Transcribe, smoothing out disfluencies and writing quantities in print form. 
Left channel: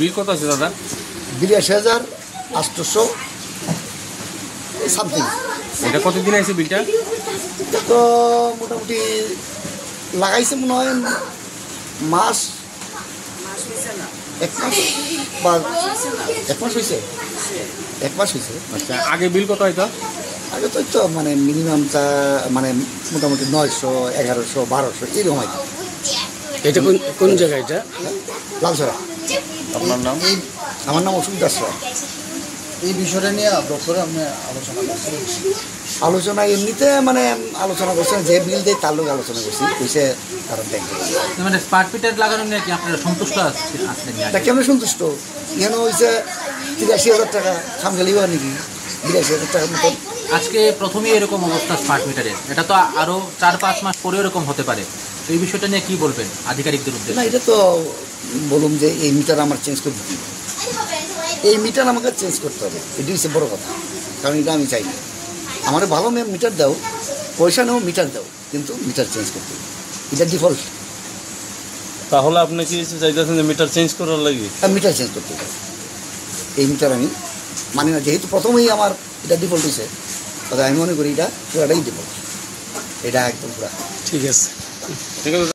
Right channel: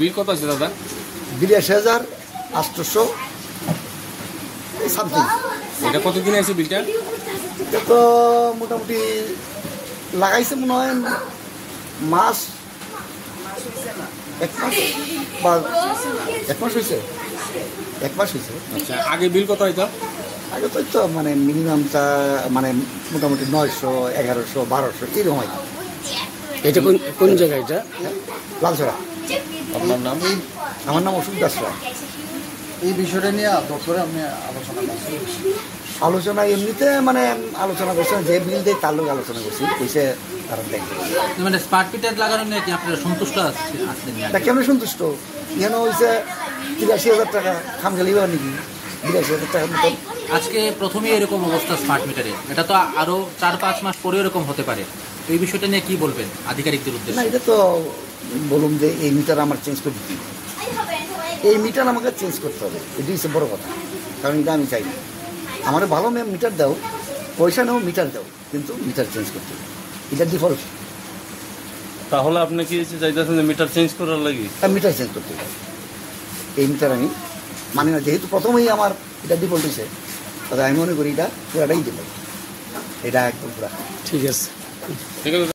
বিল কত আছে দাদা? 82,800 সামথিং। এটা কতদিন আছে বিলটা? তো মোটামুটি লাগাইছে মনে হয় মাস, 1 মাস বা 1 মাস হয়েছে, 1 মাস হয়েছে। আচ্ছা, আগে বিল কত হয়তো? আগে তো মানে মিনিমাম মানে মোটামুটি 900, 1100, 1200 এরকম হয়। এটা কোন জায়গা? এটা লালসরা। আপনার নাম? আমার নাম অশোক দাস। এই বিষয়টা নিয়ে দপ্তরে আপনি আলোচনা করছেন? আলোচনা এমনিতে মানে আলোচনা করছেন, যে বিল দেয় তার লোক আলোচনা করছি, কইছে তারা দেখবে। মানে স্মার্ট মিটার লাগানো নিয়ে কি আপনারা সন্তুষ্ট আছেন? না, কেমন সন্তুষ্ট? এখানে হয়েছে 83,000 টাকা, সামঝালিব নাকি 82,000 টাকার মতো। আজকে প্রথমেই এরকম অবস্থা স্মার্ট মিটারের, এটা তো আরো 4-5 মাস পরে এরকম হতে পারে। এই বিষয়টা নিয়ে কি বলবেন আধিকারিকদের না, উদ্দেশ্যে? এটা তো বলুন যে এই মিটার আমার চেঞ্জ করতে হবে, এই মিটার আমাকে চেঞ্জ করতে হবে, এটি হচ্ছে বড় কথা। কারণ এটা আমি চাই না, আমার ভালো মিটার দাও, পয়সা নাও, মিটার দাও, কিন্তু মিটার চেঞ্জ করতে হবে, এটা ডিফল্ট। তাহলে আপনি কি চাইতেছেন যে মিটার চেঞ্জ করার লাগে? মিটার চেঞ্জ করতে হবে, এই মিটার আমি মানি না। যেহেতু প্রথমেই আমার এটা ডিফল্ট হয়েছে, তাহলে আমি মনে করি এটা পুরাটাই ডিফল্ট, এটা একদম পুরা ঠিক আছে। ঠিক আছে।